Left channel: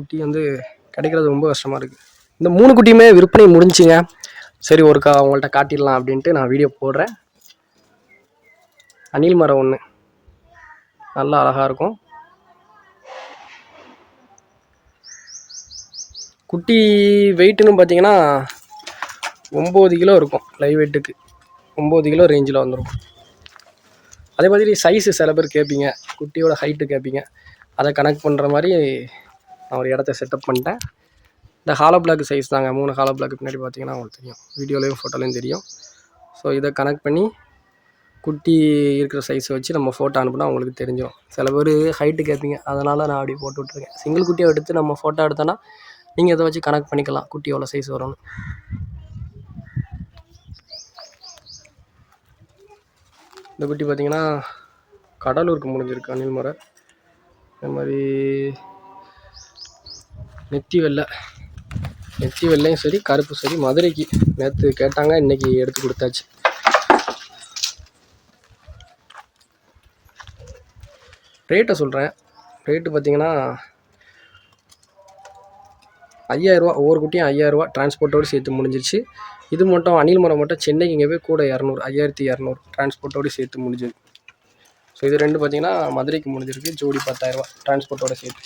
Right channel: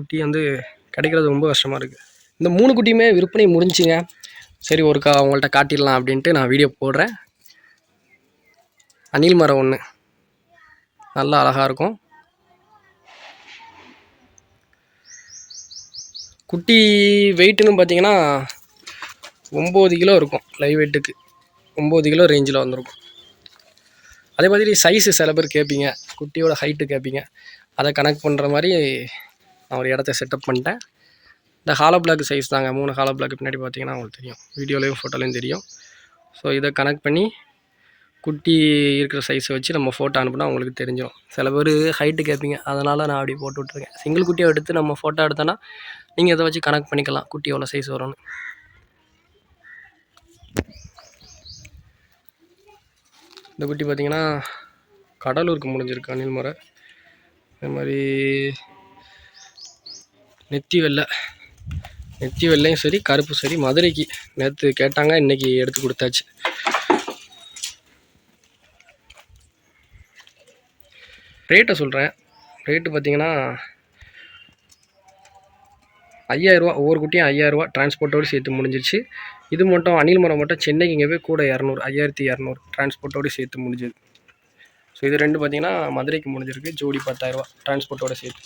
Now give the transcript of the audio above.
குட்டி வந்து கிடைக்கிறது ரொம்ப கஷ்டமாக இருக்குது இந்த மூணு குட்டியுமே விற்பனை முடிஞ்சுங்க சரி ஒருக்கா அவங்கள்ட்ட காட்டிடலாம் அப்படின்ட்டு நான் வீடியோ போடுறேன். அணில் மரம் ஒன்று நல்லா அழகாக இருக்கும். குட்டி வெயிட்டுன்னு பார்த்தீங்கன்னா ஒம்பது கிலோ இருக்கும் லைவ் வெயிட்டுக்கு ஒம்பது கிலோ ரேஞ்சில் வந்துருக்கும். அதே மாதிரி சைஸு சில பேர் கேட்பீங்க குட்டியோட ஹைட்டு கேட்பீங்க. அதை கனெக்ட் பண்ணுற மாதிரி நான் ஒரு இடத்த செட்டப் பண்ணிட்டேன். இந்த ஹாலோ பிளாக் சைஸ் தாங்க. மூணு ஹாலோ பிளாக் பின்னாடி பார்த்தீங்கன்னா உங்களுக்கு தெரியும். வீடியோலையும் ஃபோட்டோலையும் தெரியும். ஸோ இதை கனெக்ட் பண்ணி குட்டி இருக்கிற சைஸை வச்சு நம்ம ஃபோட்டோ அனுப்புனா உங்களுக்கு தெரிஞ்சிடும் சில பேர் ஹைட்டு கேட்பீங்க. அதனால் நான் அப்படி போட்டு விட்ருக்கேன் சிங்கிள் குட்டியை எடுத்து நம்ம ஃபோட்டோ எடுத்தோன்னா நீங்கள் இதை வச்சு கனெக்ட் பண்ணிக்கலாம். குட்டி எவ்வளோ சைஸ் வரும்னு. இந்த குட்டி பார்த்திங்கன்னா கடலூருக்கு முடிஞ்சிருக்கு. அணில் மரம் இந்த மாதிரி நெத்தி வெள்ளை. நெத்தி வெள்ளையும் சரி கருப்பு சரி. மதுரைக்கு நேற்று கேட்டாங்க இன்னைக்கு எடுத்து கொடுத்தாச்சு. ரேட்டை சொல்கிறேன் ரேட்டு பார்த்தீங்கன்னா ஐயாயிரரூவா ஒவ்வொரு குட்டியும் ஐயாயிரரூவா டிரான்ஸ்போர்ட்டோடு சேர்த்து முடிஞ்சிருச்சு. இது மட்டும் அணில் மரம் மட்டும் சென்னைக்கு இங்கே போய் கூட இரநூறு ஐயாயிரத்தி இரநூறு டிரான்ஸ்போர்ட்டோடு சேர்த்து முடிஞ்சது. ஸோ இது ரெண்டு பார்த்தீங்கன்னா மதுரைக்கு முடிஞ்சிருக்கு. ஜோடி பத்தாயிரரூவா டிரான்ஸ்போர்ட்டோடு சேர்த்து.